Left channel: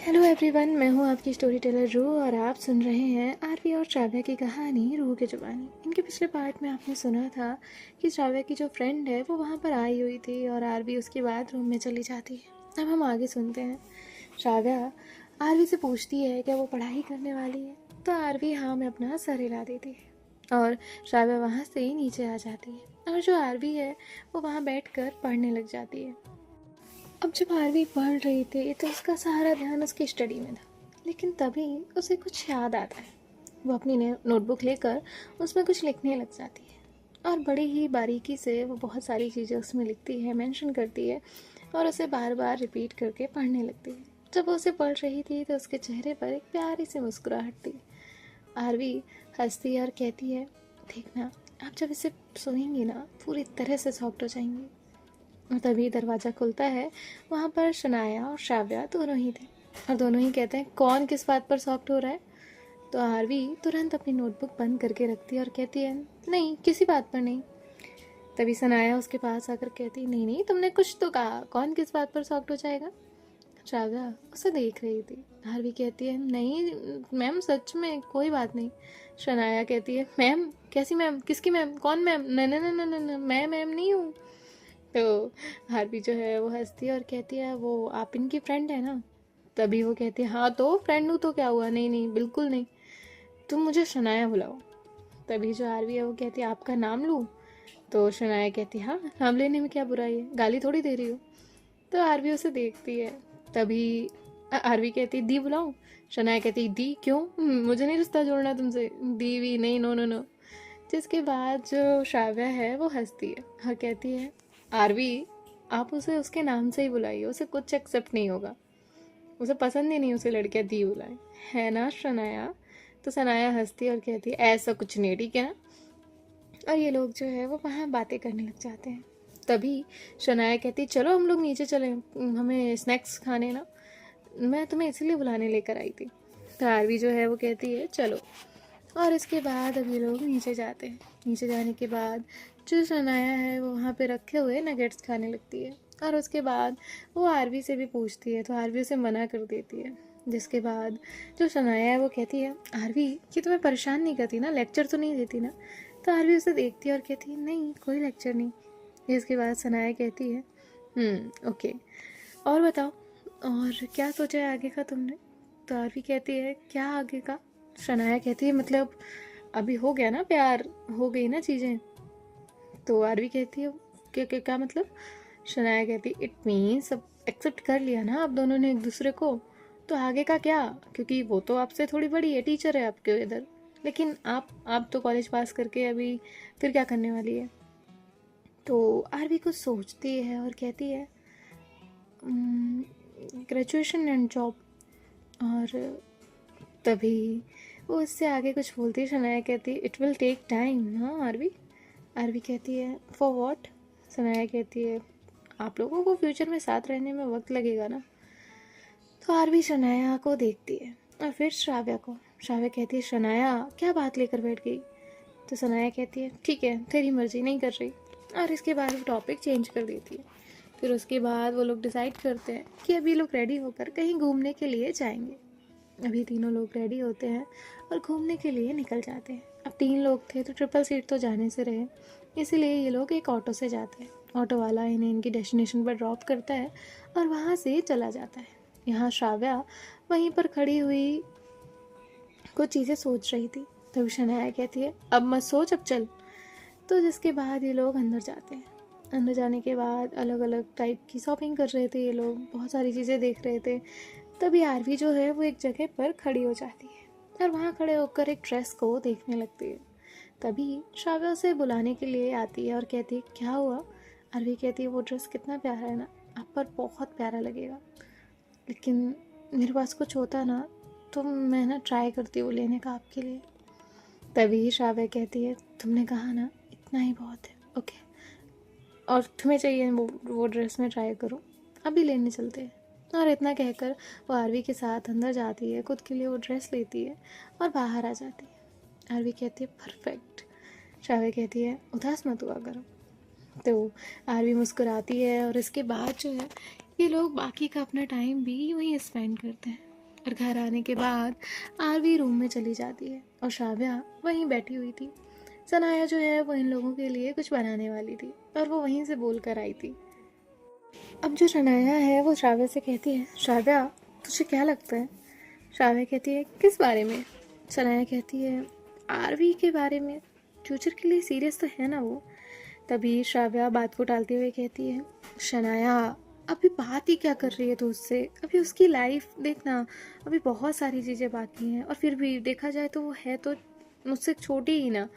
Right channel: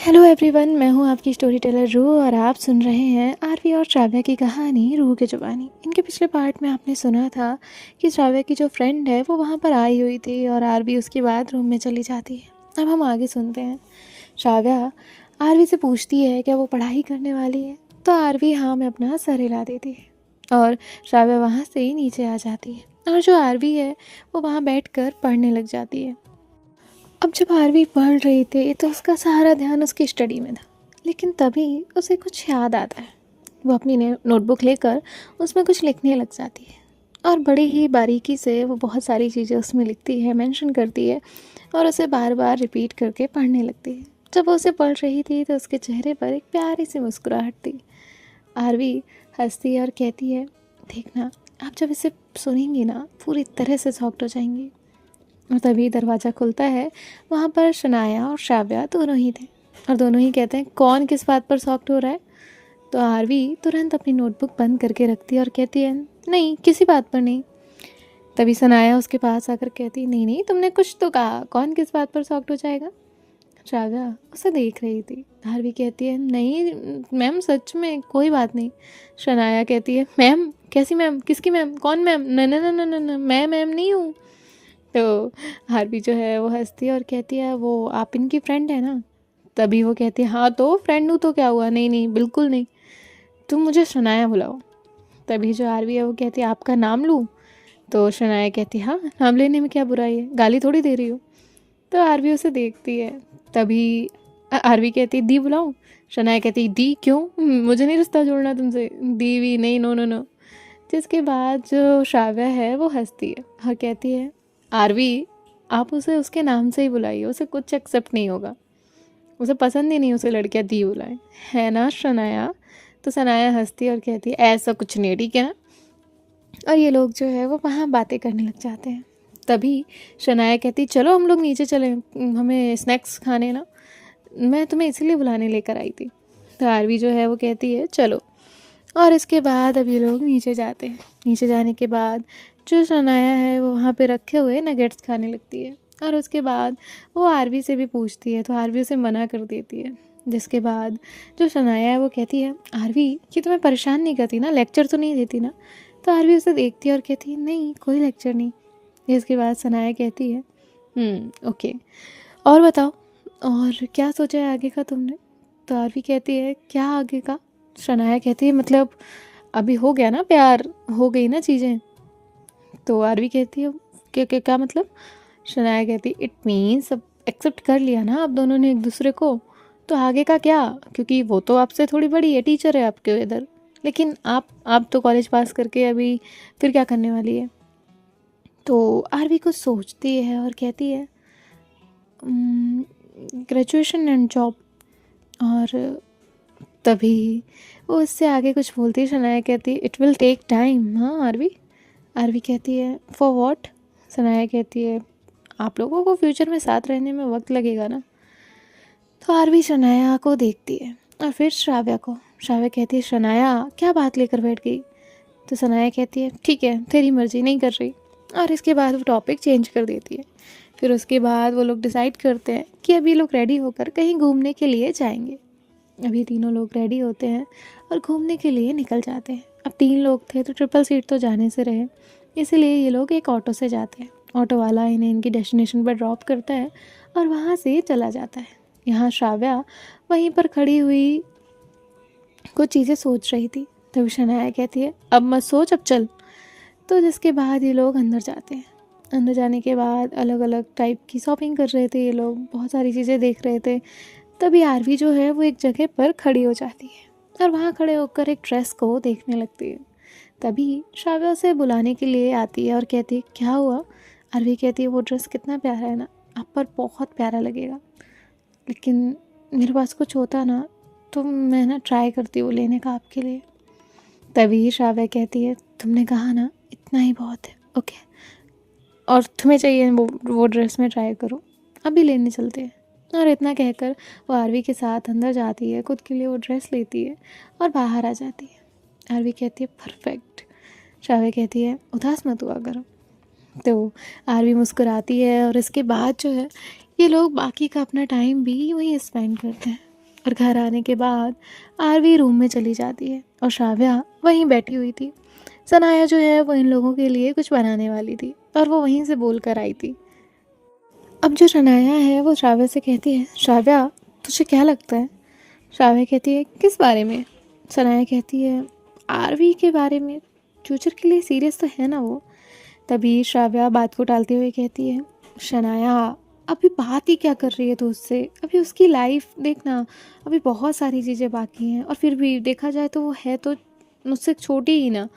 Hello everyone, मैं हूँ आपकी स्टोरी टेलर रूह और आप सुन रहे हैं आरवी और श्राव्या की कहानी रूह की जुबानी। इनके पिछले पार्ट में आपने सुना था कि श्राव्या की जो फ्रेंड है वो वहाँ पर आई हुई थी और आरवी उसके बाद रूम में चली जाती है। अब हम आगे सुनते हैं। श्राव्या आरवी से पूछती है क्या वो पढ़ाई करने वाली है, तो आरवी हाँ में अपना सर हिला देती है और श्राव्या वहाँ से ही नीचे आ जाती है और जो आरवी है वो वहाँ बैठ कर पढ़ने लग जाती है। अब जब आरवी पढ़ रही थी तो उसका सारा ध्यान उसकी स्टडी में था, लेकिन तभी उसे कुछ याद आता है। वो अपनी नोटबुक लेकर उसमें कुछ लिखने लग जाती है और बड़ी ही बारीकी से वो बहुत सारी चीज़ें उसमें लिखती है, मेंशन करती है और उसे बार बार रिपीट करके पढ़ने लगती है। जब वो उसे पढ़ रही थी तो उसके चेहरे पर एक प्यारी सी मुस्कुराहट थी। आरवी हंसती है और कहती है, देखना आप जब इसे सुनेंगी ना पूरी तरह से सॉफ्ट हो जाएंगी। और तभी दरवाज़ा खुलता है। वहाँ पर शनाया और श्राव्या दोनों ही थे और दोनों ही कहते हैं कौन किस बात पर सॉफ्ट हो रहा है। तो आरवी तुरंत अपनी नोटबुक बंद करके रखती है और कहती है नहीं, किसी बात पर नहीं। तभी सनाया उसके पास आकर कहती नहीं नहीं, तुमने कुछ तो कहा, कौन किस बात पर सॉफ्ट हो जाएगा। श्राव्या उसे देख रही थी। आरवी कहती है नहीं मैम, सच में कोई बात नहीं। शनाया कहती है मैम, कैसी मैम, किसकी मैम, कौन मैम, न न न न न न, मैं मैम नहीं हूँ। तो हार्वी जो है वो हंसती है और कहती है वो आप इनकी फ्रेंड है ना। तभी वो कहती है हाँ तो फ्रेंड हूँ तो क्या हुआ, नहीं नहीं बिल्कुल नहीं, तुम मुझे शनाया बुलाओ। तभी जो आरवी है वो कहती है आपका नाम लूँ। तो शनाया कहती है हाँ, नाम लेने में क्या बुराई है, गाली थोड़ी दे रही हो। तो आरवी उसे देखती है। तभी आरवी कहती है दी बुलाऊँ। शनाया कहती है दी क्यों, मुझे नहीं रिश्ता जोड़ना तुमसे, दी वी नहीं, नो नो नो। जिसके बाद जो श्राव्या है वो हंसती है और कहती है आरवी आप उसे उसके नाम से ही बुलाइए, उसे कुछ एक्सेप्ट नहीं होगा, उसे पसंद ही नहीं उसे लड़कियां दी बुलाए, है ना शनाया। तो सनाया हंसती है और कहती है ऐसा कुछ नहीं, ठीक है ना। और ये लोग जो है वो वहाँ बातें करने लग जाते हैं। तभी शनाया कहती चलो हम लोग नीचे चलें, हमें स्नैक्स खाने ना, मैं तुम्हें इसलिए बुलाने लेकर आई थी। तो आरवी जो है वो कहती है चलो। और इसके बाद अब ये लोग नीचे जाते हैं। नीचे जाने के बाद जो शनाया है वो वहाँ पे रखे हुए नगेट्स खाने लगती है और उसके बाद वो आरवी से भी पूछती है तो आरवी उसे मना कर देती है। जिसके बाद जो शनाया है वो कहती है आरवी ये तुम्हें परेशान नहीं करती ना, लेक्चर तो नहीं देती ना। तो आरवी उसे देखती है और कहती है नहीं कोई लेक्चर नहीं। जिसके बाद शनाया कहती है ओके, और बताओ और क्या सोचा है आगे का तुमने। तो आरवी कहती है क्या आगे का। शनाया कहती है मतलब अभी हो गया ना प्यार, हो गई ना चीज़ें। तो आरवी कहती है क्या क्या क्या मतलब। शनाया कहती है इट मीन्स अब एक्सेप्ट कर लिया ना आप दोनों ने एक दूसरे को, तो आगे का क्या, क्योंकि वो तो आपसे थोड़ी बड़ी है, टीचर है आपके इधर, लेकिन आप तो कॉलेज पास करके अभी फिर क्या करने वाली है। तो आरवी कुछ सोचती है और कहती है ग्रेजुएशन एंड जॉब। और तभी वो इससे आगे कुछ बोलती है। शनाया कहती है इट विल टेक टाइम। हाँ आरवी। आरवी कहती है फॉर वॉट। शनाया कहती है आप लोगों को फ्यूचर में साथ रहने में वक्त लगेगा ना। तो आरवी शनाया को देखती है और फिर श्राव्या को। श्राव्या कहती है शनाया क्या बात लेकर बैठ गई। तो शनाया कहती है ठीक है तेरी मर्जी, नहीं कर रही। और इसके बाद वो टॉपिक चेंज कर देती है। फिर उसके बाद वो लोग डिसाइड करते हैं कि अभी लोग रेडी होकर कहीं घूमने के लिए जाएंगे। अभी तीनों लोग रेडी होते हैं और घूमने के लिए निकल जाते हैं। अब 3 लोग थे तो ट्रिपल सीट तो जाने से रहे, इसीलिए ये लोग एक ऑटो से जाते हैं। ऑटो वाला इन्हें इनकी डेस्टिनेशन पर ड्रॉप करता है और वहाँ से चला जाता है। यहाँ श्राव्या वहीं पर खड़ी हुई कुछ चीज़ें सोच रही थी। तभी शनाया कहती है अब मत सोच, अब चल। तो जिसके बाद ये लोग अंदर जाते हैं। अंदर जाने के बाद अलग अलग टाइप की शॉपिंग कर रहे थे ये लोग, बहुत सारी चीज़ें देख रहे थे। तभी आरवी जो है वो एक जगह पर खड़ी हो जाती है और वहाँ खड़े होकर एक ड्रेस को देखने लगती है। तभी श्राव्या उसे बुलाने के लिए आती है और कहती है क्या हुआ। आरवी कहती है वो ड्रेस कितना प्यारा है ना, आप पर बहुत प्यारा लगेगा, लेकिन मेरे पास कुछ होता ना तो मैं ना ट्राई करती हूँ लेने का आपके लिए। तभी श्राव्या कहती है तुमने कहा ना इतना ही बहुत है, ओके, और तुम्हें चाहिए वो ड्रेस में ट्राई करो, अभी लेने चलते हैं। और इतना कहकर वो आरवी के साथ अंदर जाती है, खुद के लिए वो ड्रेस लेती है और बाहर आ जाती है। आरवी कहती है परफेक्ट। श्राव्या कहती है उदास मत हुआ करो। तो आरवी मुस्कुराती है और इसके बाद जो है ये लोग बाकी का अपना टाइम भी वहीं स्पेंड करते हैं। और घर आने के बाद आरवी रूम में चली जाती है और श्राव्या वहीं बैठी हुई थी। सनाया जो है वो इन लोगों के लिए कुछ बनाने वाली थी और वो वहीं से बोल कर आई थी। अब जो शनाया है वो श्राव्या से कहती है, श्राव्या तुझे क्या लगता है? श्राव्या कहती है, किस बारे में? सनाया कहती है, आरवी के बारे में। फ्यूचर के लिए सीरियस तो है ना वो। तभी श्राव्या बात को टालते हुए कहती है, शनाया अभी बात ही क्या कर रही है तू उससे? अभी उसकी लाइफ देखना, अभी बहुत सारी चीज़ें बाकी हैं और फिर भी देखा जाए तो वो है तो मुझसे छोटी ही ना।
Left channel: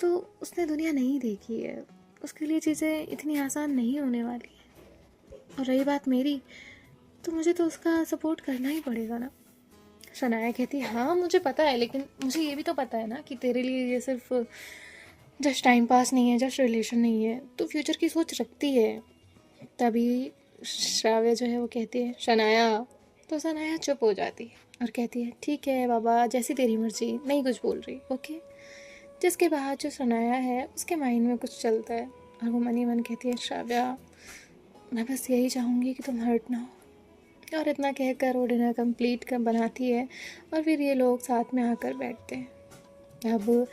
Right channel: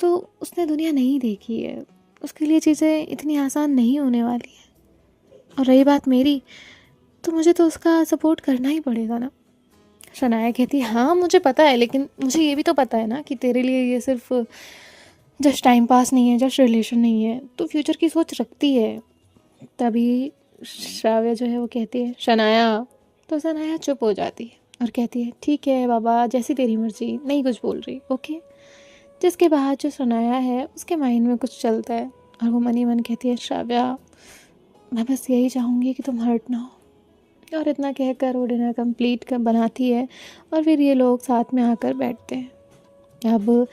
तो उसने दुनिया नहीं देखी है, उसके लिए चीज़ें इतनी आसान नहीं होने वाली हैं। और रही बात मेरी, तो मुझे तो उसका सपोर्ट करना ही पड़ेगा ना। शनाया कहती है, हाँ मुझे पता है, लेकिन मुझे ये भी तो पता है ना कि तेरे लिए ये सिर्फ जस्ट टाइम पास नहीं है, जस्ट रिलेशन नहीं है, तो फ्यूचर की सोच रखती है। तभी श्राव्या जो है वो कहती है, शनाया। तो शनाया चुप हो जाती है और कहती है, ठीक है बाबा, जैसी तेरी मर्जी, नहीं कुछ बोल रही, ओके। जिसके बाद जो शनाया है उसके माइंड में कुछ चलता है और वो मन ही मन कहती है, श्राव्या मैं बस यही चाहूँगी कि तुम हर्ट ना हो। और इतना कहकर वो डिनर कंप्लीट कर बनाती है और फिर ये लोग साथ में आकर बैठते हैं। अब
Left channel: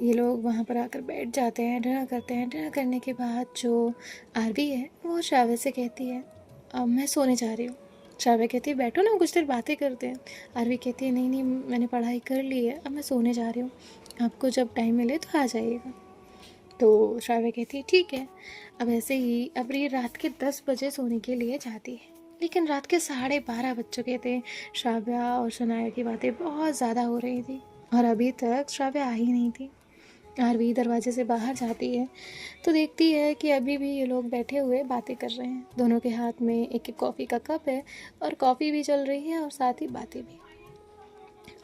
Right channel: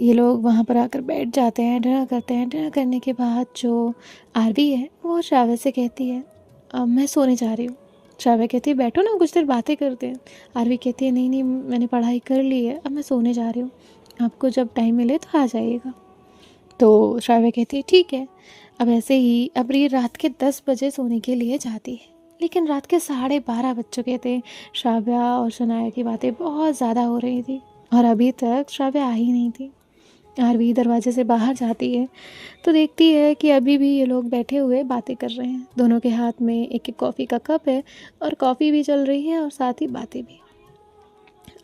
ये लोग वहाँ पर आकर बैठ जाते हैं, डिनर करते हैं। डिनर करने के बाद जो आरवी है वो श्राव्या से कहती है, अब मैं सोने जा रही हूँ। श्राव्या कहती है, बैठो ना कुछ देर बातें करते हैं। आरवी कहती है, नहीं नहीं मैंने पढ़ाई कर ली है, अब मैं सोने जा रही हूँ, आपको जब टाइम मिले तो आ जाइएगा। तो श्राव्या कहती है, ठीक है। अब ऐसे ही अबरी रात के 10 बजे सोने के लिए जाती है, लेकिन रात के 12:30 बज चुके थे। श्राव्या और शनाया की बातें बहुत ज़्यादा हो रही थी और अभी तक श्राव्या आ ही नहीं थी। आरवी दरवाजे से बाहर जाती है तो देखती है कि अभी भी ये लोग बैठे हुए बातें कर रहे हैं। दोनों के हाथ में एक एक कॉफ़ी का कप है और कॉफ़ी भी चल रही है और साथ ही बातें भी।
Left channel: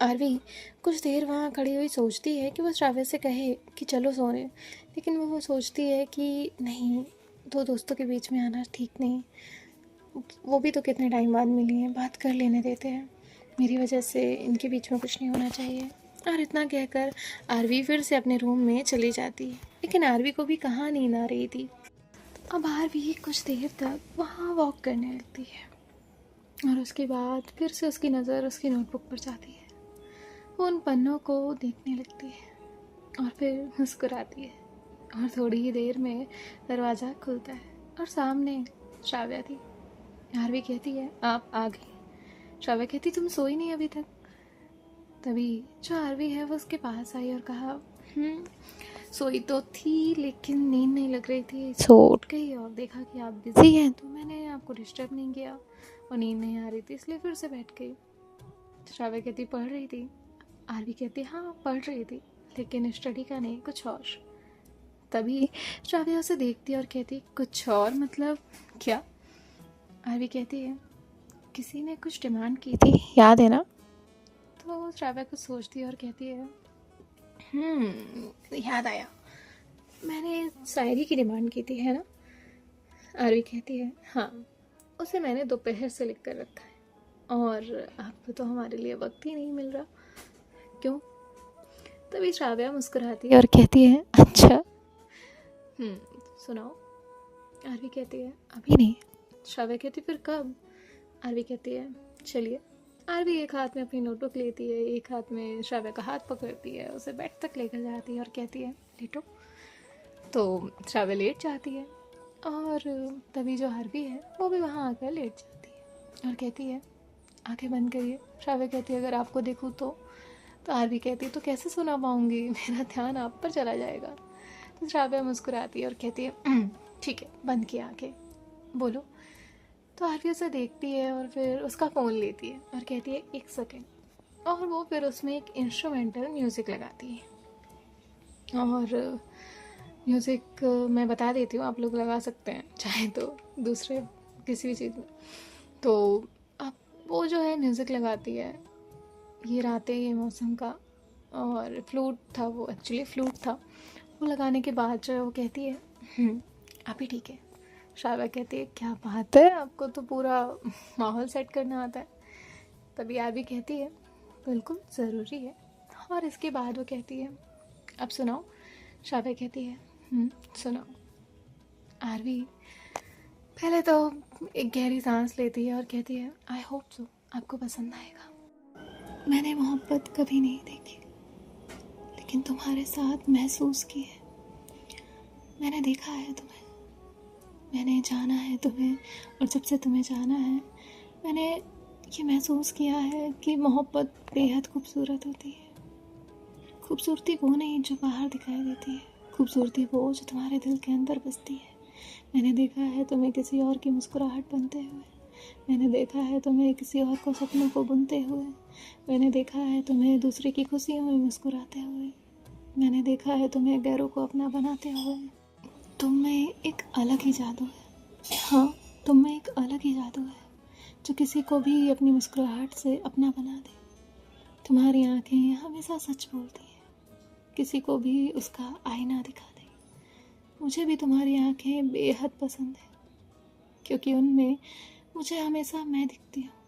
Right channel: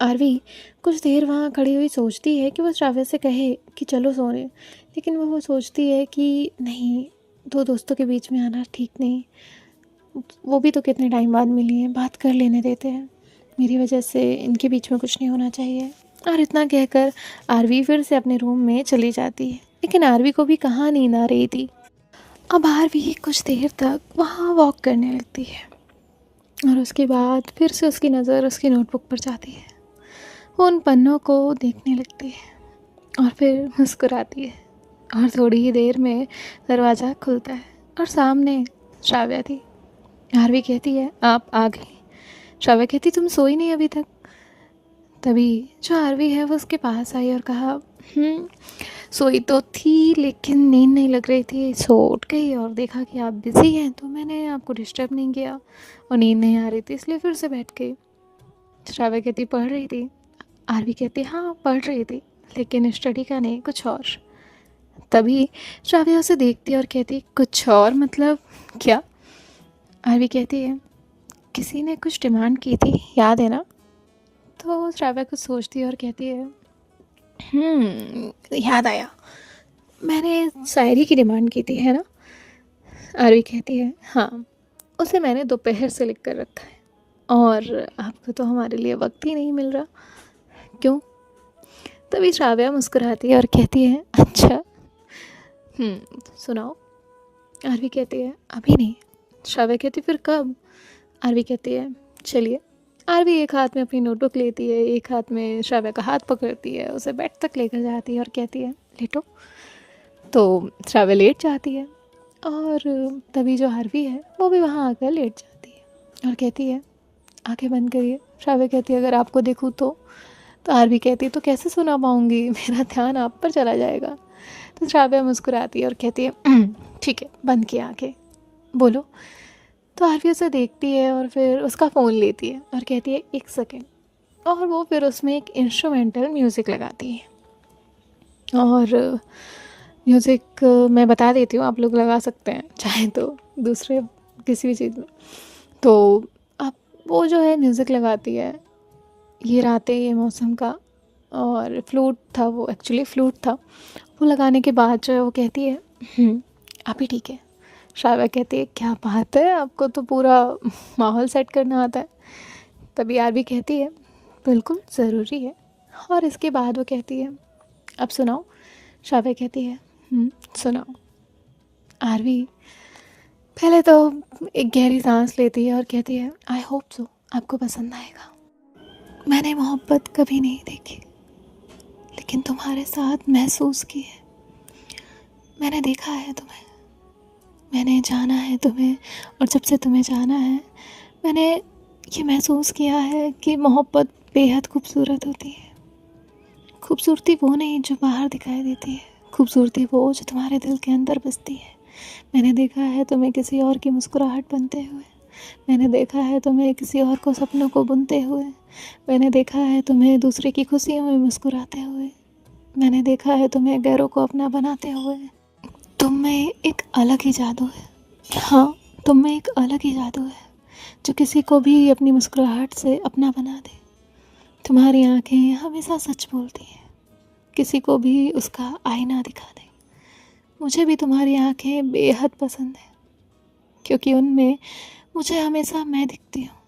आरवी कुछ देर वहाँ खड़ी हुई सोचती है कि वो श्राव्या से कहे कि चलो सोने, लेकिन वो सोचती है कि नहीं, दो दोस्तों के बीच में आना ठीक नहीं। वो भी तो कितने टाइम बाद मिली हैं, बात कर लेने देते हैं, मेरी वजह से इनके बीच में कुछ नहीं होना चाहिए। और इतना कहकर आरवी फिर से अपने रूम में चली जाती है, लेकिन आरवी को भी कहाँ नींद आ रही थी। अब आरवी कुछ देर तक वहाँ वॉक करने लगती है और उसके बाद फिर से उसकी नज़र उसकी नोटबुक पर जाती है। वो उन पन्नों को देखने लगती है और फिर मुस्कुराती है और थोड़ी ही देर में दरवाज़ा खुलता है और सामने श्राव्या थी। आरवी कहती है, आप आ गई? श्राव्या कहती, तुम सोई नहीं अभी तक? तभी जो आरवी है वो उसके पास आई और कहा, सोई तो थी लेकिन नींद नहीं लग रही थी, सो उठ गई और देखा कि आप बिज़ी हैं तो मैंने आपको डिस्टर्ब नहीं किया, और नींद नहीं आ रही थी इसलिए फिर से बैठ गई। श्राव्या कहती, पढ़ रही थी? आरवी कहती, हाँ पढ़ रही थी, लेकिन स्टडी का नहीं, कुछ और। तभी श्राव्या उसे देखती और कहती, कुछ और मतलब क्या? आरवी कहती है, किसी ने कुछ डिमांड की थी, याद है ना? तो श्राव्या कुछ सोचती है और कहती है, याद आया, मैंने शायरी की डिमांड की थी, है ना? आरवी कहती है, हाँ, उसे मैंने दोपहर से लिख कर रखा है और आपको तो हमारे लिए वक्त ही नहीं मिल रहा, क्यों? तभी श्राव्या मुस्कुराती है और कहती है, अच्छा, सुनाओ। आरवी कहती है, अभी नहीं। श्राव्या कहती, फिर कब? आरवी कहती है, चलिए। आरवी एक हाथ में अपनी नोटबुक लेती है, एक हाथ में श्राव्या का हाथ पकड़ती है, उसे बेड तक लेकर जाती है और कहती है, लेटो। तो श्राव्या लेट जाती है और तभी जो आरवी है वो भी वहाँ आकर लेट जाती है और कहती है, आंखें बंद करिए। श्राव्या कहती है, अगर आपको देखूँ तो आरवी कहती है, तो कैसे सुना पाऊँगी, मेरा ध्यान आप पर चला जाएगा। तो श्राव्या मुस्कुराती है और कहती है, ठीक है, बंद किया आंखें, बोलो। तो आरवी उसे देखती है और फिर उसका फ़ोन लेती है और कहती है, एक सेकेंड, और वो फिर उसमें एक इंस्ट्रूमेंटल म्यूज़िक लगाती है। और म्यूज़िक मैं बता देती हूँ, आप लोग लगा सकते हैं चाहे तो दूसरे किसी भी चीज़ में। तो अब वो जो है म्यूज़िक लगाती है, ये रातें ये मौसम का, और फ्लूट था, वो एक्चुअली फ्लूट था। वो लगाने के बाद जो है वो कहती है, आप ही ठीक है। श्राव्या कहती है, क्या बात है, आपको तो पूरा माहौल सेट करना आता है। तभी आरवी कहती है, बिल्कुल ज़रूरी है। और इसके बाद वो कहती है, अब सुनाओ। श्राव्या कहती है, सुनाओ। आरवी पहले तो एक गहरी सांस लेती है और कहती है, आई होप सो, आपको पसंद आएगा। मैंने मोहब्बत कभी नहीं देखी, लेकिन तुम्हारे साथ महसूस की है। मैंने देखा है तुम्हें, मैंने जाना है तुम्हें, और जब से तुम्हें जाना है मैंने ये महसूस किया है कि मोहब्बत बेहद खूबसूरत होती है। खूबसूरती वो नहीं जो बाहर दिखाई देती है, खूबसूरती वो जो तुम्हारे दिल के अंदर बसती है। मैंने देखा है तुम्हें किसी और की मुस्कुराहट बनते हुए, मैंने देखा है तुम्हें किसी और को सपनों को बुनते हुए, मैंने देखा है तुम्हें दूसरे की खुशियों में मुस्कुराते हुए, मैंने देखा है तुम्हें गैरों को अपना बनाते हुए। तुम में एक अलग ही जादू है। हाँ, तुम में एक अलग ही जादू है जो किसी को भी अपनी मुस्कुराहट से अपना बना दे। तुम्हारी आंखें हमेशा सच बोलती हैं, किसी को भी उसका आईना दिखा दे। मुझे भी तुम्हारी आंखें बेहद पसंद है, क्योंकि उनमें मुझे हमेशा मैं दिखती हूँ।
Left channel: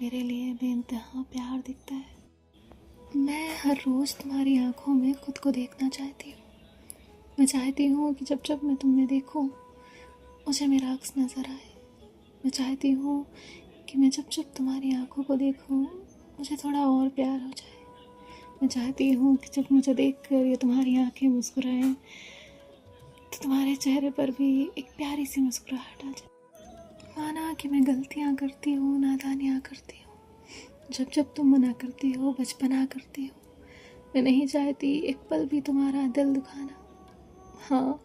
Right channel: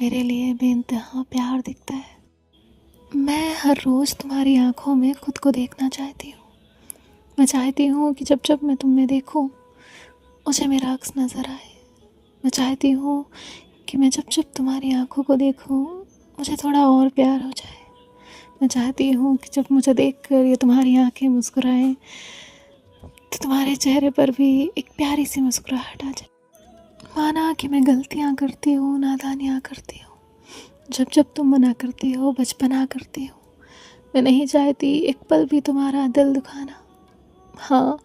मेरे लिए बेइंतहा प्यार दिखता है। मैं हर रोज़ तुम्हारी आंखों में खुद को देखना चाहती हूँ। मैं चाहती हूँ कि जब जब मैं तुम्हें देखूँ मुझे मेरा अक्स नज़र आए। मैं चाहती हूँ कि मैं जब जब तुम्हारी आंखों को देखूँ मुझे थोड़ा और प्यार हो जाए। मैं चाहती हूँ कि जब मुझे देखकर ये तुम्हारी आंखें मुस्कुराएं तो तुम्हारे चेहरे पर भी एक प्यारी सी मुस्कुराहट आ जाए। माना कि मैं गलतियाँ करती हूँ, नादानियाँ करती हूँ, जब जब तुम मना करती हो, बचपना करती हो, मैं नहीं चाहती एक पल भी तुम्हारा दिल दुखाना। हाँ,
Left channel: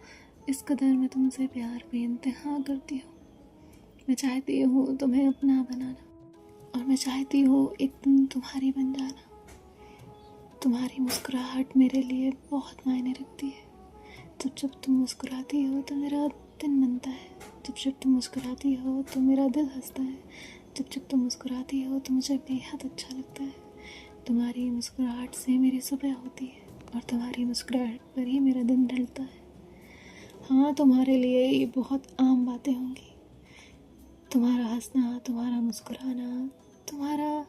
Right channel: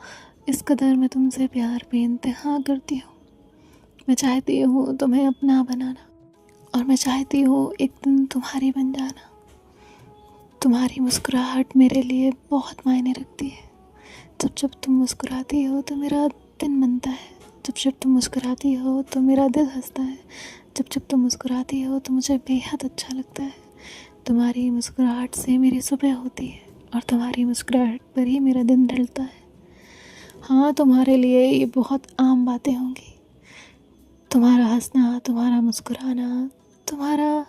इस कदर मैं तुमसे प्यार बेइंतहा करती हूँ। मैं चाहती हूँ तुम्हें अपना बनाना, और मैं चाहती हूँ एक दिन तुम्हारी बन जाना। तुम्हारी मुस्कुराहट मेरे लिए बहुत मायने रखती है। जब जब तुम मुस्कुराती हो तो मेरा दिन बनता है। जब जब तुम मुस्कुराती हो तो मेरा दिल हंसता है। जब जब तुम मुस्कुराती हो तो मुझे बेहद अच्छा लगता है। तुम्हारी मुस्कुराहट से मेरी सुबह होती है, और तुम्हारी मुस्कुराहट पर ही मेरा दिन ढलता है। हाँ, तुम्हारे लिए ये बहुत आम बातें होंगी, तुम्हारा हंसना, तुम्हारा मुस्कुराना, तुम्हारा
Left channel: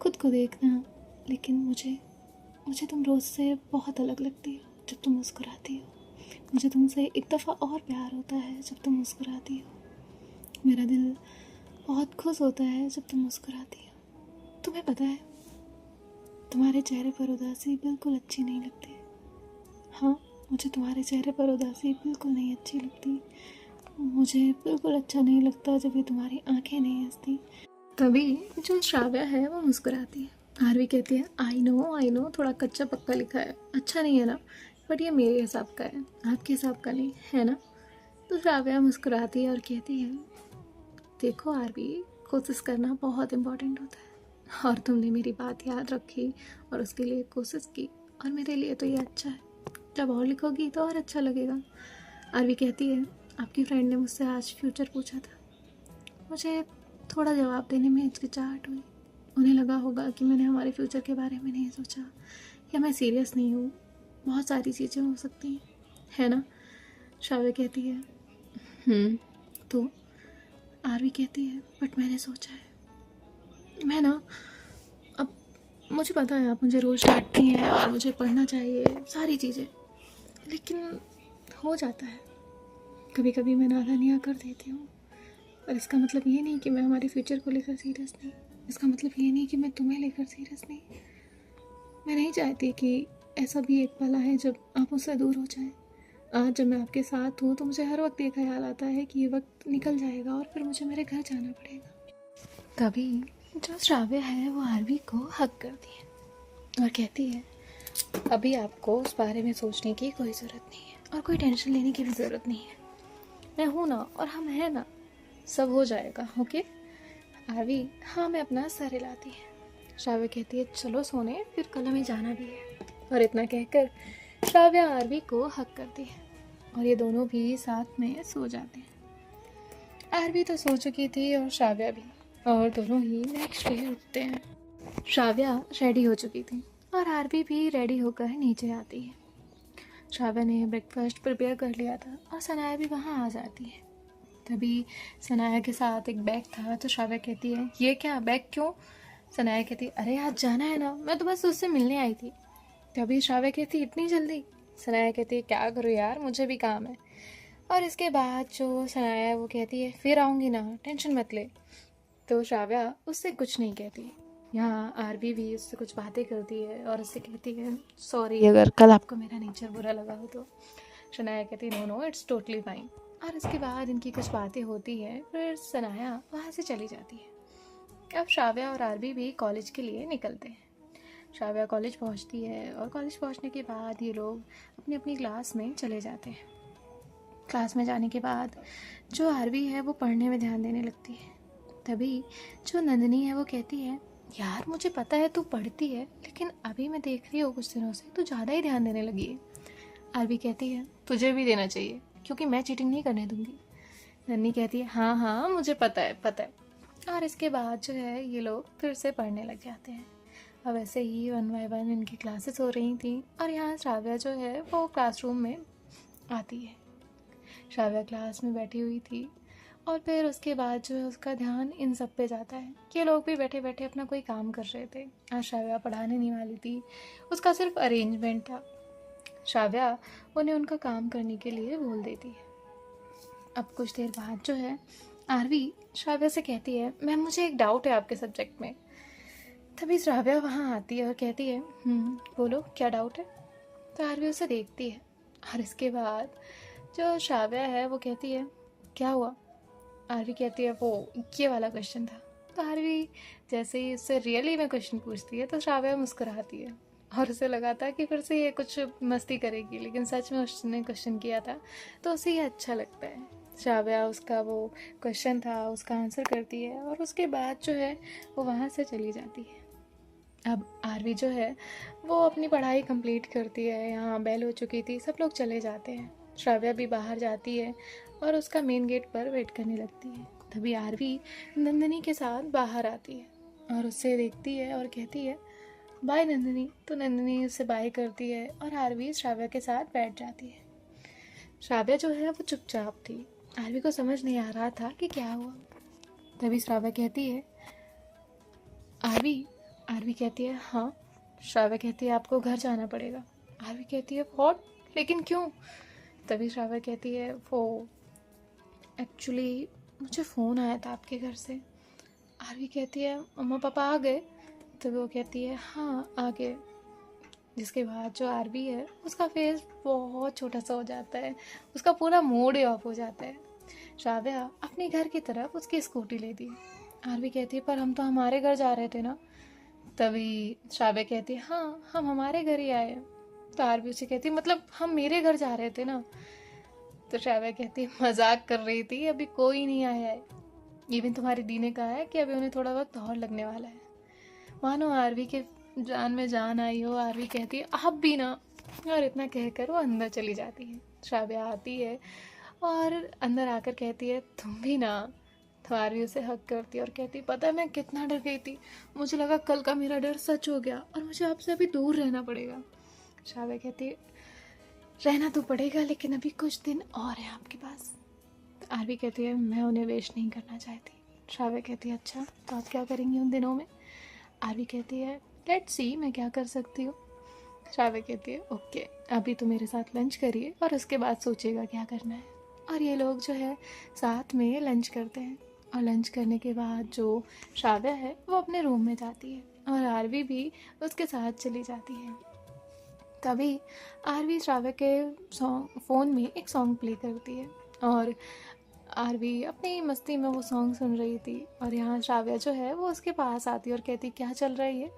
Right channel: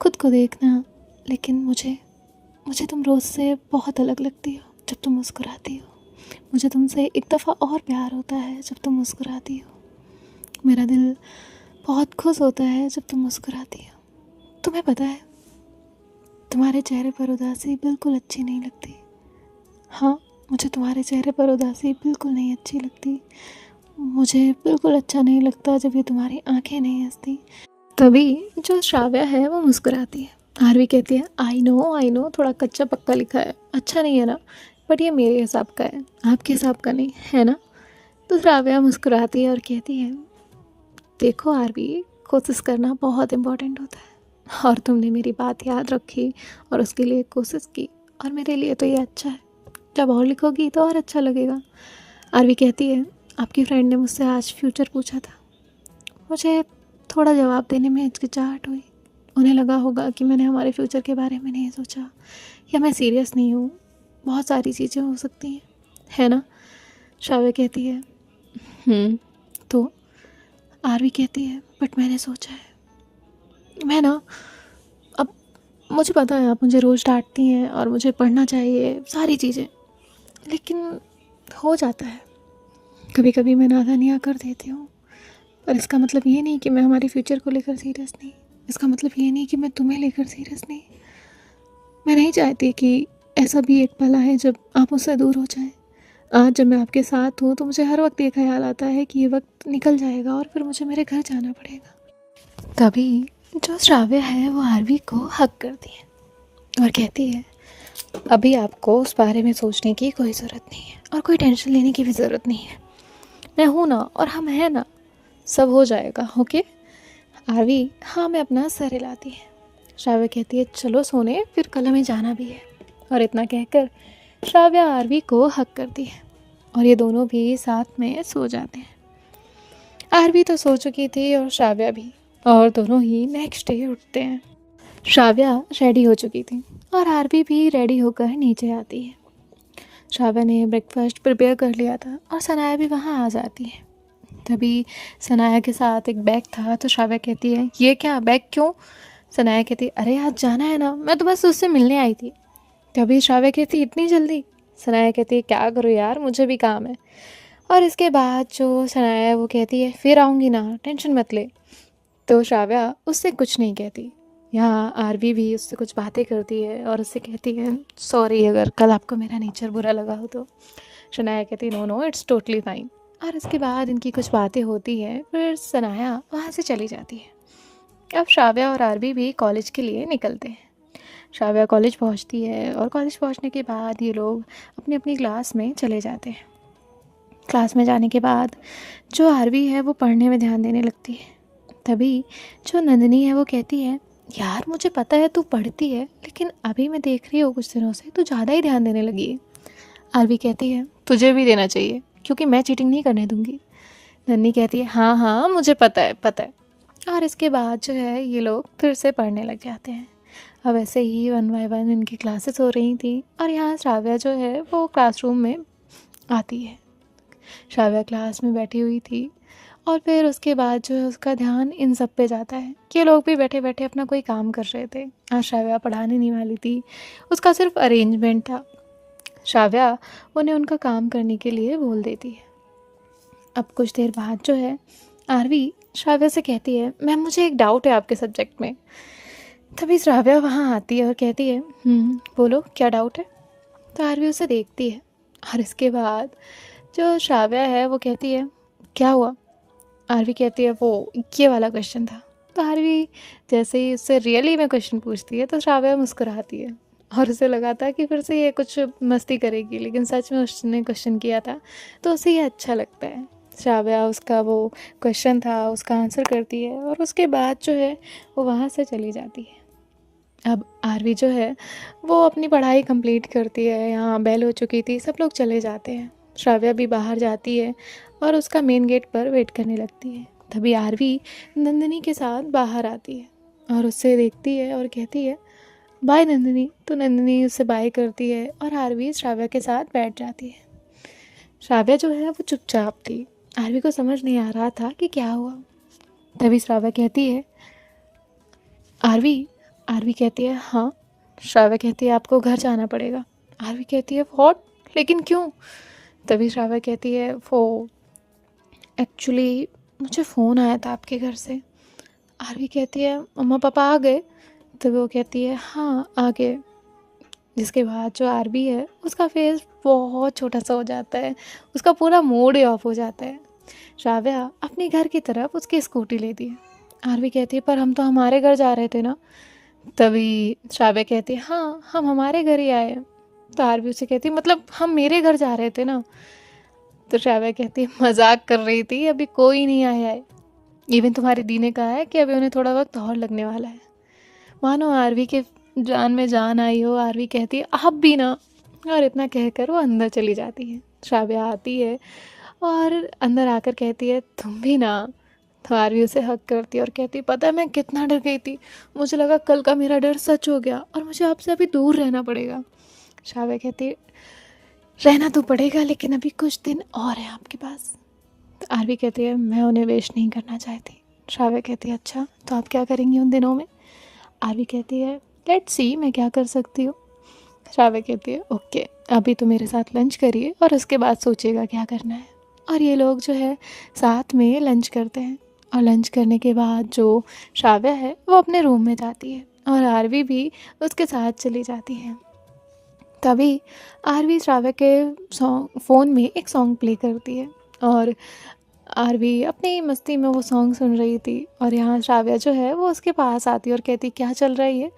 खुद को देखना, लेकिन मुझे मुझे तुम रोज़ से बहुत अलग लगती हो जब तुम मुस्कुराती हो। मुझे तुमसे एक दफ़ा और प्यार होता है जब तुम मुस्कुराती हो। मेरा दिल बहुत खुश होता है जब तुम मुस्कुराती हो। तुम्हें पता है, तुम्हारे चेहरे पर उदासी बिल्कुल अच्छी नहीं लगती। हाँ, मुझे तुम्हारे चेहरे पर उदासी बिल्कुल नहीं अच्छी लगती। मुझे बिल्कुल अच्छा नहीं लगता जब ये तुम्हारी आंखें नहीं हंसती। तभी जो श्राव्या है वो मुस्कुराती है। आरवी कहती है, आई नो थोड़ा कच्चा पक्का लिखा है, अच्छा नहीं है ना, बट ये मेरे हिसाब का है, आपके हिसाब का नहीं है ना। तो श्राव्या मुस्कुराती है और कहती है, देखो आरवी, कोशिश करना बहुत इम्पोर्टेंट होता है, और तुमने मेरी बात याद रखी और उसके लिए कोशिश की, और मेरे लिए तो ये अच्छा है। जब और लिखोगी तो और अच्छा लगेगा। आरवी कहती है, आपकी फ्रेंड ने मुझसे आज फ्यूचर पूछा था। मुझे थोड़ा जवाब देने में हिचकिचाहट हुई। उन्हें लगा होगा कि मैंने हमारे फ्यूचर के बारे में नहीं सोचा, या मैं सीरियस नहीं हूँ। बहुत सारी चीज़ें हो सकती हैं, है ना। श्राव्या कहती है, तो आरवी कहती है, बट मैंने सोचा है, मैं ना, अब मुझे पता है आप मुझे रोज़ डांटती हैं और मुझे पढ़ना चाहिए सारी चीज़ें, लेकिन हो जाता है कभी कभी मैं नादानियाँ कर देती हूँ। पर इसका मतलब ये नहीं कि मैं हमारे फ्यूचर को लेकर सीरियस नहीं, इसका मतलब ये नहीं कि मैं तुम्हें लेकर सीरियस नहीं। मैं नहीं चाहती कि ऐसा भी एक पल आए जब आप मुझसे दूर हो जाएं। आज जब मैं आपके साथ हूँ तो मुझे हर वक्त ये ख्याल आता है कि ये वक्त निकल जाएगा और फिर मुझे मेरे घर जाना पड़ेगा। तभी जो श्राव्य है वो आरवी को हक करती है और कहती है, अभी आपको उस बारे में सोचने की कोई ज़रूरत नहीं है, और कोई टेंशन लेने की भी ज़रूरत नहीं है। मैं हूँ ना, और हम हैं ना, सब हो जाएगा। ओके आरवी, हाँ, मैं अपना सर हिलाती है। श्राव्या कहती है, चलो सोने, फिर कल हमें जाना भी है। और इतना कहकर श्राव्या आरवी को हक करती है और ये दोनों भी साथ में सो जाते हैं। आरवी तो सो चुकी थी और श्राव्या भी, और दोनों ही नेक्स्ट डे उठते हैं। श्राव्या रेडी हो चुकी थी और आरवी भी रेडी होकर नीचे आती है। श्राव्या ने ब्रेकफास्ट प्रिपेयर कर लिया था और सनाया भी वहाँ आ जाती है। तभी सनाया के साथ एक बैग था, तो श्राव्या कहती है, ये क्या बैग क्यों? सनाया कहती है, अरे आज जाना है ना, मैं तो बस उससे मिलने आई थी। तभी श्राव्या कहती, इतनी जल्दी? सनाया कहती है, क्या करूँ यार, मुझे भी काम है। और इसके बाद जो सनाया है वो कहती है, फिर आऊँगी ना, टेंशन मत ले। तो श्राव्या उससे कुछ नहीं कहती। यहाँ आरवी भी उससे कुछ बातें करती है और उससे कहती है सॉरी अगर कल आपको मेरा नेचर बुरा लगा हो तो। शनाया कहती है no no it's totally fine. और उसके बाद इनकी कुछ बातें होती हैं, फिर सनाया वहाँ से चली जाती है। अब श्राव्या और आरवी भी कॉलेज के लिए निकलते हैं। श्राव्या कॉलेज पहुँचती है और कॉलेज पहुँचने के बाद ये लोग अपनी अपनी क्लास में चले जाते हैं। क्लास में जाने के बाद जो आरवी है वो पढ़ने में ध्यान देने लगती है। तभी जो नंदिनी है वो कहती है यार मुझे पता है तू पढ़ती है, लेकिन अभी मैं देख रही हूँ कुछ दिनों से तू ज़्यादा ही ध्यान देने लगी है। आरवी कहती है तुझे भी देना चाहिए क्योंकि मैं चीटिंग नहीं करने दूंगी। नन्नी कहती है हाँ हाँ मुझे पता है पता है। और इसके बाद जो है ये लोग फिर से पढ़ने लग जाते हैं। अब ऐसे ही 1 बाय 1 इनकी क्लासेस हो रही थी और यहाँ श्राव्या जो है वो क्लासरूम में आती है। श्राव्या क्लास में बैठी हुई थी और फिर उसके बाद जो है उसका ध्यान इन सब पे जाता है कि ये लोग भी बैठे बैठे अपना कोई काम कर रहे थे। आज श्राव्या पढ़ाने नहीं वाली थी, उसका सिर्फ अरेंजमेंट था। श्राव्या उन्हें उनका काम करने के लिए बोल देती है। अब कुछ देर बाद जो है आरवी श्राव्या से कहती है मैम मुझे एक डाउट है आपके सब्जेक्ट में। तभी श्राव्या वहाँ आती है और कहती है बोलो क्या डाउट है। तो आरवी उसे देखती है और इसके बाद जो श्राव्या है वो कहती है क्या हुआ। आरवी कहती है वो ये वाला क्वेश्चन था। तो आरवी जैसे ही उससे रियली में क्वेश्चन पूछती है तो श्राव्या मुस्कुराती है और उसे लगा था कि फिर से ये कुछ मस्ती करेगी, लेकिन सच में उसने क्वेश्चन किया था तो उसे ये अच्छा लगता है। श्राव्या उसका वो क्वेश्चन था उसका आंसर करती है और उसके बाद जो है वो वहाँ से चली जाती है। अब आरवी जो है वो अपनी पढ़ाई कंप्लीट करती है। यहाँ बेल हो चुकी थी, सब लोग चले जाते हैं। श्राव्या भी बाहर जाती है और उसका मेन गेट पर वेट करने लगती है। तभी आरवी नंदिनी के साथ बाहर आती है और उससे देखती है और कहती है बाय नंदिनी। तो नंदिनी उससे बाय करती है और आरवी श्राव्या के साथ बैठ जाती है। श्राव्या जो है वो चुपचाप थी, आरवी को समझ नहीं आ रहा था कि क्या हुआ। तभी श्राव्या कहती है आरवी। आरवी कहती है हाँ। श्राव्या कहती है आपको घर जाना पड़ेगा। आरवी कहती है व्हाट, लेकिन क्यों। तभी श्राव्या कहती है वो एक्चुअली मुझे फ़ोन आया था आपके घर से। आरवी कहती है मम्मा पापा आ गए। तो वो कहती है हाँ आ गए। जिसके बाद जो आरवी है उसका फेस बहुत छोटा सा हो जाता है, उसका पूरा मूड ही ऑफ हो जाता है। श्राव्या अपने घर की तरफ उसकी स्कूटी लेती है। आरवी कहती है पर हम तो हमारे घर जा रहे थे ना। तभी श्राव्या कहती है हाँ हम हमारे घर ही आए हैं। तो आरवी उसे कहती है मतलब हम मेरे घर जा रहे थे ना। तो श्राव्या कहती है मजाक कर रही थी, अभी कोई नहीं आया है। इवन तुम्हारी दी ने कहा है कि अभी उन्हें थोड़ा वक्त और लगने वाला है। मानो आरवी के जान में जान आई हो। आरवी कहती है आप भी ना। और इतना कहकर वो अंदर चली जाती है। श्राव्या आती है और अंदर आकर कहती है तुम भी ना। तो आरवी उसे हक करती है और कहती है पता है मैं कितना डर गई थी, मुझे लगा कल का मेरा डर सच हो गया और मुझे आपसे अभी दूर रहना पड़ेगा। श्राव्या कहती है रहना तो पड़ेगा लेकिन अभी कुछ दिन और है आपके पास। तो आरवी कहती है मैं उन्हें वेस्ट नहीं करना चाहती। श्राव्या कहती है अच्छा तो आप क्या करेंगी उन दिनों में। आरवी कहती है लेट्स सी मैं क्या कर सकती हूँ। श्राव्या कहती है ओके अभी तो मेरे साथ लंच करिए और उसके बाद सोचिएगा क्या करना है। और ये लोग जो है साथ में लंच करते हैं और लंच करने के बाद जो श्राव्या है वो अपने रूम में जाती है और आरवी भी उसके साथ चली जाती है। तभी आरवी श्राव्या के फ़ोन में एक सॉन्ग प्ले करती है और आरवी अपनी मस्ती में वो सॉन्ग सुन रही थी और यहाँ श्राव्या जो है वो उसके पास आती है और कहती क्या चल रहा है ये।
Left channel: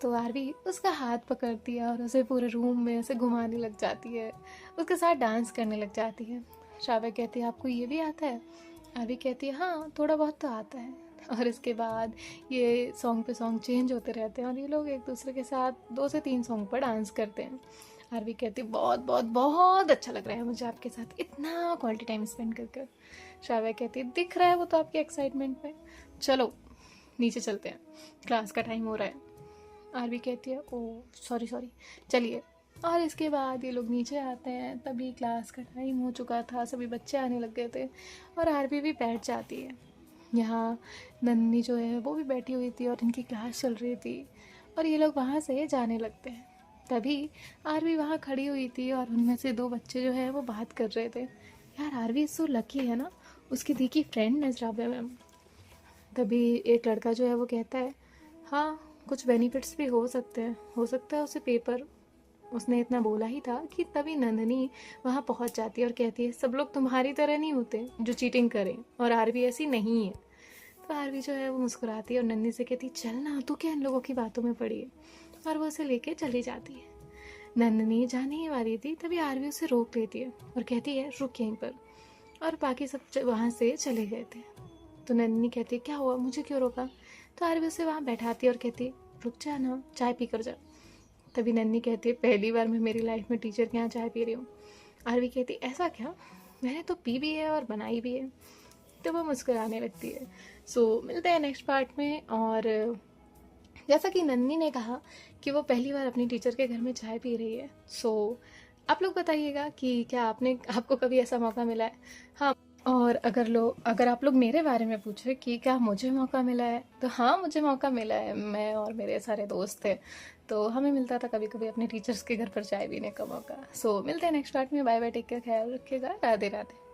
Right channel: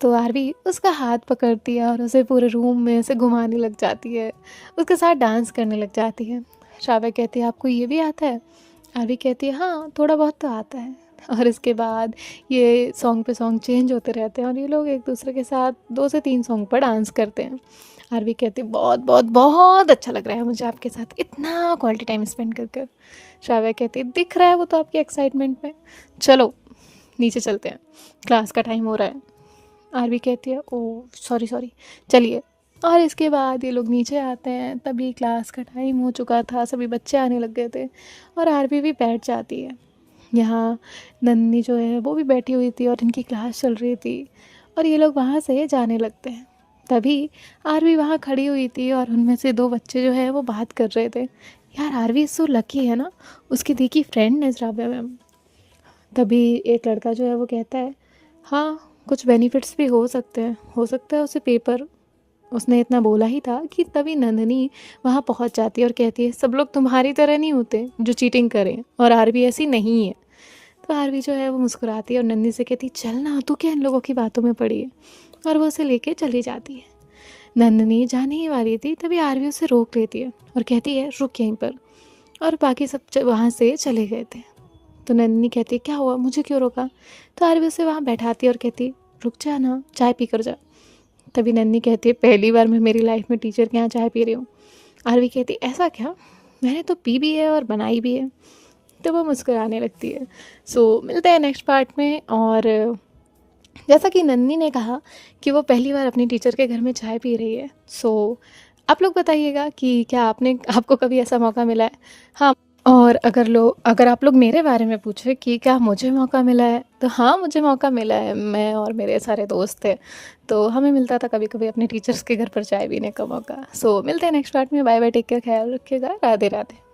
तो आरवी उसका हाथ पकड़ती है और उसे पूरे रूम में उसे घुमाने लग जाती है, उसके साथ डांस करने लग जाती है। श्राव्या कहती है आपको ये भी आता है। आरवी कहती है हाँ थोड़ा बहुत तो आता है। और इसके बाद ये सॉन्ग पे सॉन्ग चेंज होते रहते हैं और ये लोग एक दूसरे के साथ 2 से 3 सॉन्ग पर डांस करते हैं। आरवी कहती है बहुत बहुत बहुत अच्छा लग रहा है मुझे आपके साथ इतना क्वालिटी टाइम स्पेंड कर कर। श्राव्या कहती है दिख रहा है वो तो आपकी एक्साइटमेंट में, चलो नीचे चलते हैं क्लास का टाइम हो रहा है। आरवी कहती है ओह सॉरी सॉरी चलिए। और इसके बाद ये लोग नीचे आते हैं। तभी क्लास का टाइम हो चुका था, सभी बच्चे आने लग गए थे और आरवी भी बैठ जाती है। यहाँ नन्नी जो है वो भी बैठी हुई थी और इनकी क्लास चल रही थी और ये लोग वहाँ से जाने लगते हैं। तभी आरवी वहाँ खड़ी हुई थी और उनमें से 2 बच्चे जो है वो बात कर रहे थे यार आरवी सो लकी है ना, उसकी दी की फ्रेंड है श्राव्या मैम। तभी एक लड़का जो है वो कहता है हाँ, कुछ बेनिफिट्स भी हो सकते हैं, हो सकता है उसे पेपर, उसने इतना बोला ही था कि तभी नंदिनी वहाँ पहुँच जाती है और कहती है सब लोग तुम्हारी तरह नहीं होते जो चीटिंग करें, और आरवी ऐसी नहीं है। तो आरवी जो है वो मुस्कुराती है और नंदिनी से कहती है चल ना, तू क्या इन लोगों की बातों में पड़ी है, और वो उसे लेके चली जाती है। नंदिनी जाने ही वाली थी तभी आरवी उसे रोक लेती है और कहती है रुक यहीं पर, और बाकी सब वहाँ से चले गए थे। तो नंदिनी कहती है क्या हुआ, मुझे क्यों रोका। तो आरवी उसे वहाँ बैठाती है और कहती है रुक जा ना, चाय पी कर जा। तभी नन्ही कहती है पहली बार मैं मेरी लाइफ में टीचर के यहाँ चाय पी रही हूँ। आरवी कहती ऐसा क्या, मैंने तो पी भी है और बनाई भी है। तो वो मुस्कुराने लगती है। सो मिलते हैं नेक्स्ट पार्ट में। और जैसा कि नन्ही ने कहा कि वो पहली बार अपनी टीचर के घर में चाय पी रही है, सो आप लोग बताइएगा कि क्या आपको कभी ऐसा मौका मिला है। हाँ, और अगर आप लोग मेरे बारे में पूछे कि क्या मुझे मौका मिला है, तो हाँ मुझे मौका मिला है। मैं और मेरे सारे दोस्त थे, तो हमें मिलता था कभी कभी अपने टीचर्स के घर पर चाय पीने का मौका। सो मिलते हैं नेक्स्ट पार्ट में। बाय बाय, टेक केयर, ख्याल रखिएगा, राधे राधे।